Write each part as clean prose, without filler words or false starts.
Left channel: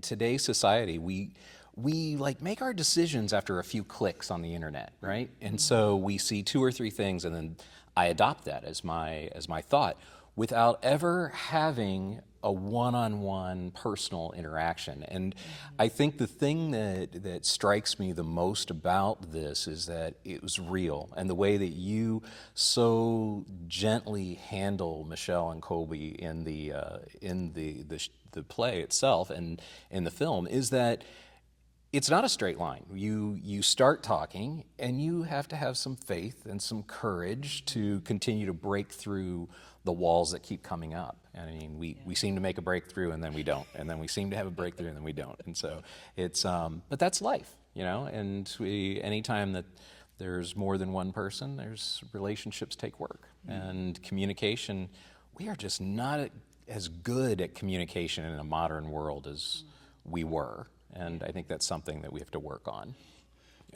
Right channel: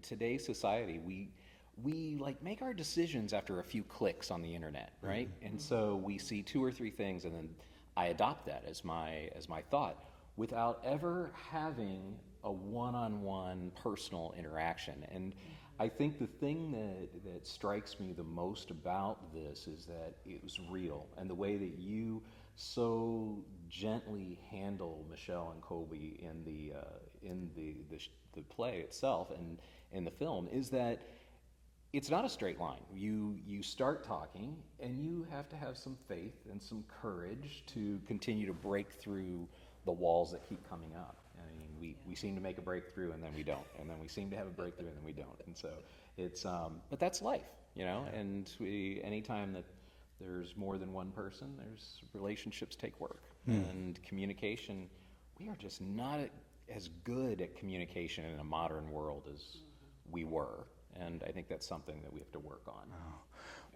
in today's society, we like make our decisions after a few clicks on the internet, right? And so we see two or three things, and then I adopt that as my thought, without ever having a one-on-one personal interaction. And I think the thing that strikes me the most about this is that it was real, and the way that you so gently handle Michelle and Colby in the play itself and in the film is that it's not a straight line. You start talking, and you have to have some faith and some courage to continue to break through the walls that keep coming up. I mean, we seem to make a breakthrough, and then we don't, and then we seem to have a breakthrough, and then we don't. And so it's, but that's life, you know. And anytime that there's more than one person, there's relationships take work and communication. We are just not as good at communication in a modern world as we were. And I think that's something that we have to work on.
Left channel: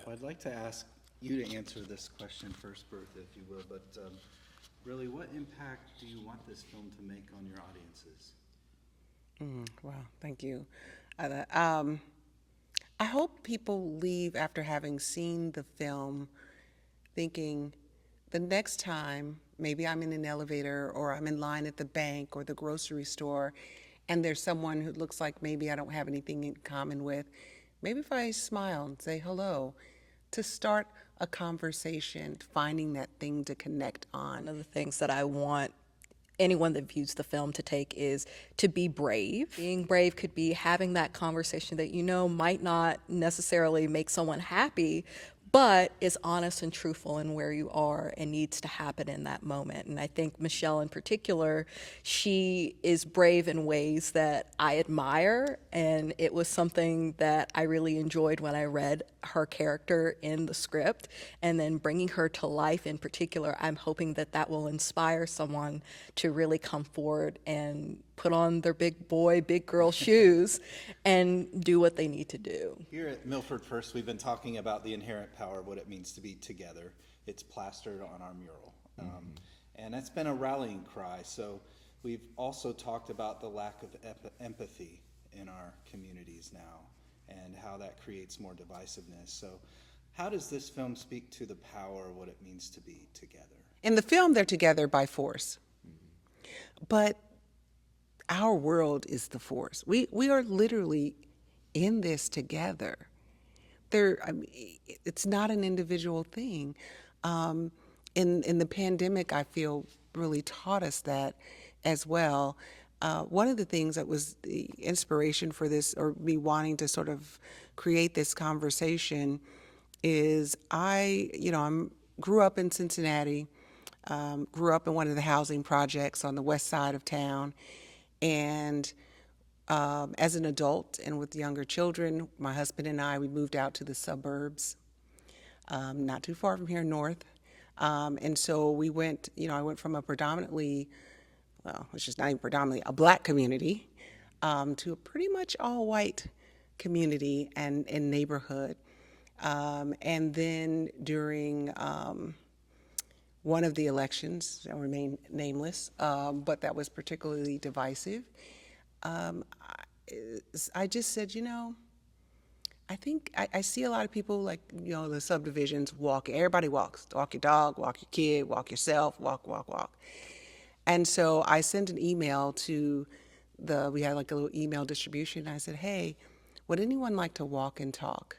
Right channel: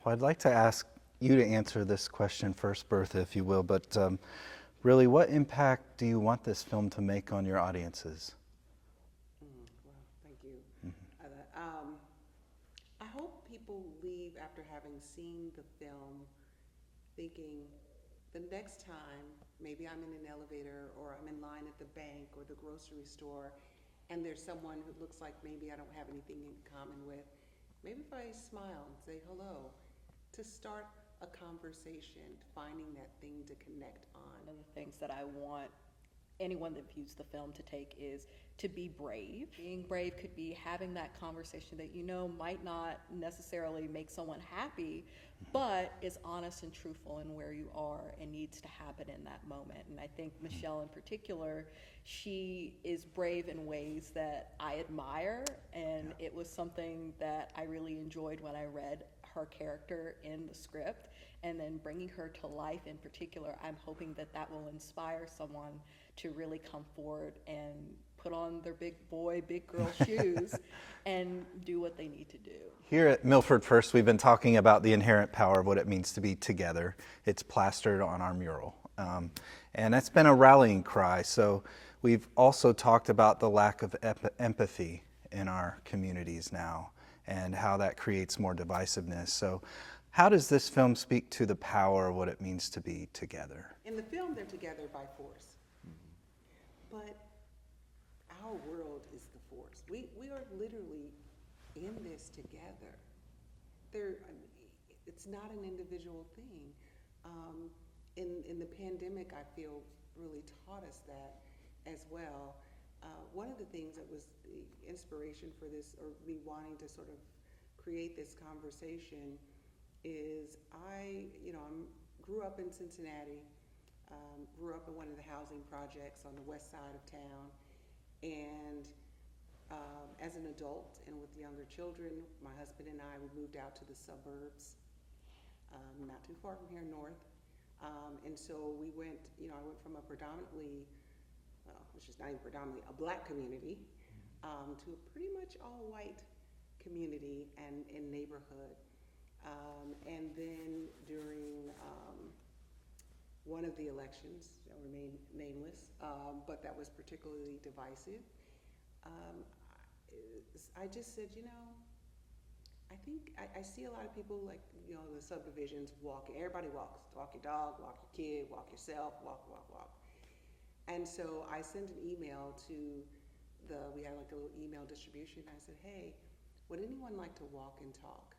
Well, I'd like to ask you to answer this question first, Bertha, if you will, but really, what impact do you want this film to make on your audiences? Wow, thank you. I hope people leave after having seen the film thinking the next time maybe I'm in an elevator or I'm in line at the bank or the grocery store and there's someone who looks like maybe I don't have anything in common with, maybe if I smile and say hello, to start a conversation, finding that thing to connect on. One of the things that I want anyone that views the film to take is to be brave. Being brave could be having that conversation that you know might not necessarily make someone happy, but is honest and truthful in where you are and needs to happen in that moment. And I think Michelle in particular, she is brave in ways that I admire, and it was something that I really enjoyed when I read her character in the script, and then bringing her to life in particular, I'm hoping that that will inspire someone to really come forward and put on their big boy, big girl shoes and do what they need to do. Here at Milford First, we've been talking about the inherent power of what it means to be together. It's plastered on our mural. And that's been a rallying cry. So we've also talked about the lack of empathy in our communities now and how that creates more divisiveness. So how does this film speak to the power of what it means to be together? In the film, they're together by force. But our world is the force. We are literally in this together. It's not an individual thing. In the pandemic, I feel really taught us that as well. One of the things that was the inspiration for this, or me wanting to sort of create this conversation, is I grew up in Cincinnati, grew up in one of the housing projects on the west side of town, and as an adult and with younger children, my husband and I, we moved out to the suburbs, not too far from here north. And so we went, I went from a predominantly, well, which is not even predominantly, a black community, to a pretty much all white community and neighborhood. And then during one of the elections, I'll remain nameless, but that was particularly divisive, I just said, I think I see a lot of people like, the subdivisions walking. Everybody walks. Walk your dog, walk your kid, walk yourself, walk. And so I sent an email to we had like a little email distribution. I said, hey, would anyone like to walk and talk?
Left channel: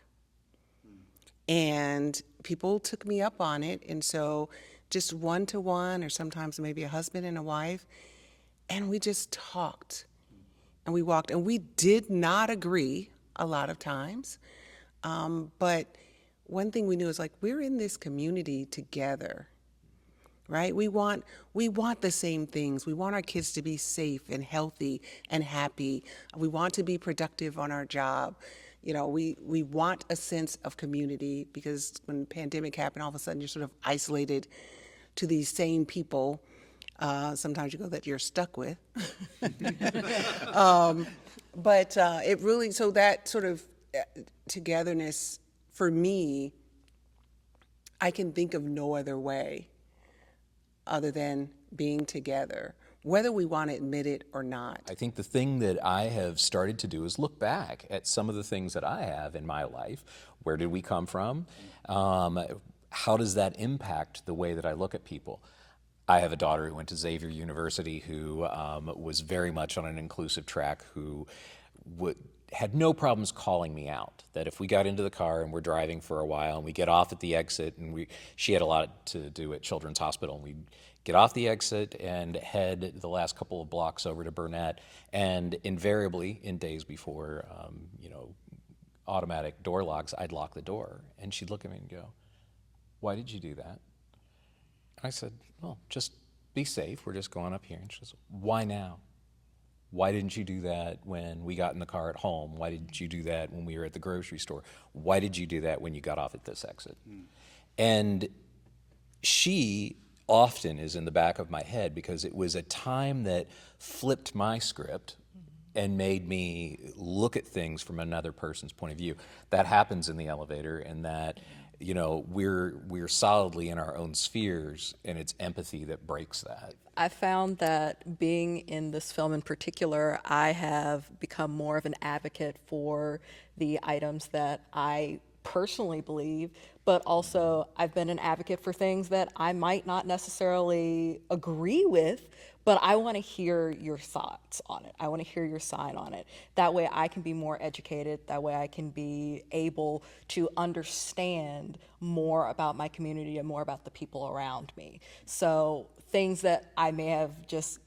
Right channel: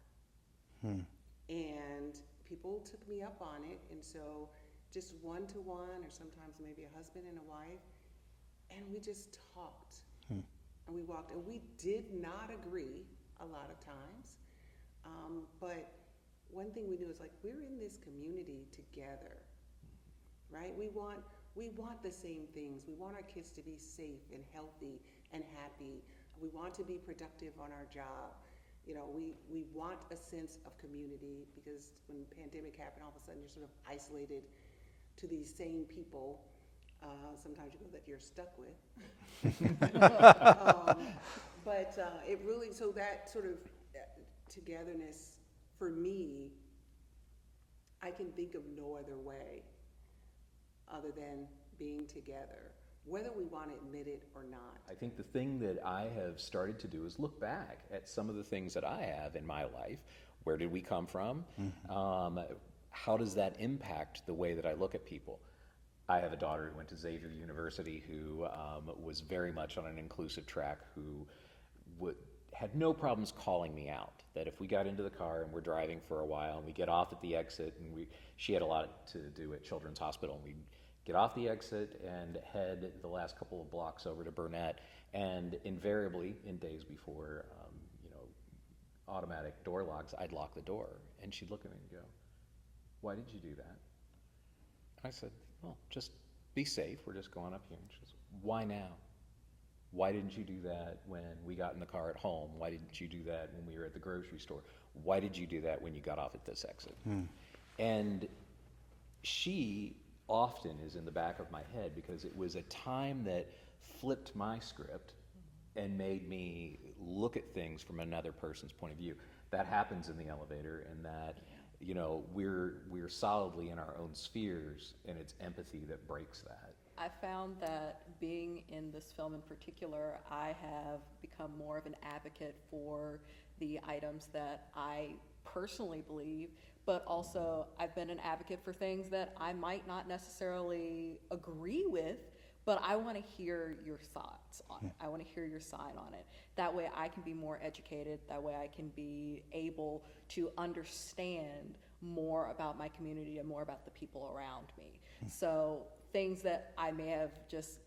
And people took me up on it. And so just one-to-one, or sometimes maybe a husband and a wife, and we just talked. And we walked, and we did not agree a lot of times. But one thing we knew is like, we're in this community together, right? We want the same things. We want our kids to be safe and healthy and happy. We want to be productive on our job. We want a sense of community, because when the pandemic happened, all of a sudden you're sort of isolated to these same people. Sometimes you go that you're stuck with. But it really, so that sort of togetherness, for me, I can think of no other way other than being together. whether we want to admit it or not. I think the thing that I have started to do is look back at some of the things that I have in my life. Where did we come from? How does that impact the way that I look at people? I have a daughter who went to Xavier University who was very much on an inclusive track, who had no problems calling me out. That if we got into the car and we're driving for a while and we get off at the exit, and she had a lot to do at Children's Hospital, and we get off the exit and head the last couple of blocks over to Burnett, and invariably in days before, automatic door locks, I'd lock the door, and she'd look at me and go, "Why did you do that?" I said, "Well, just be safe. We're just going up here." And she goes, "Why now? Why didn't you do that when we got in the car at home? Why didn't you do that when we were at the grocery store? Why did you do that when you got off at this exit?" And she often is in the back of my head because it was a time that flipped my script and made me look at things from another person's point of view. That happens in the elevator, and that we're solidly in our own spheres, and it's empathy that breaks that. I found that being in this film in particular, I have become more of an advocate for the items that I personally believe, but also I've been an advocate for things that I might not necessarily agree with, but I want to hear your thoughts on it. I want to hear your side on it. That way I can be more educated. That way I can be able to understand more about my community and more about the people around me. So things that I may have just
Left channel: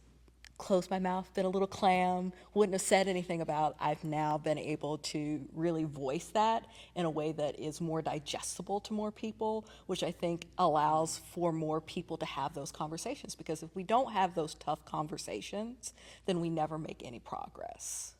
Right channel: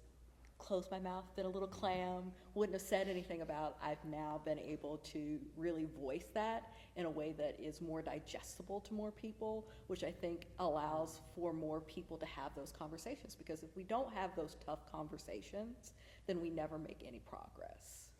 closed my mouth, been a little clam, wouldn't have said anything about, I've now been able to really voice that in a way that is more digestible to more people, which I think allows for more people to have those conversations. Because if we don't have those tough conversations, then we never make any progress.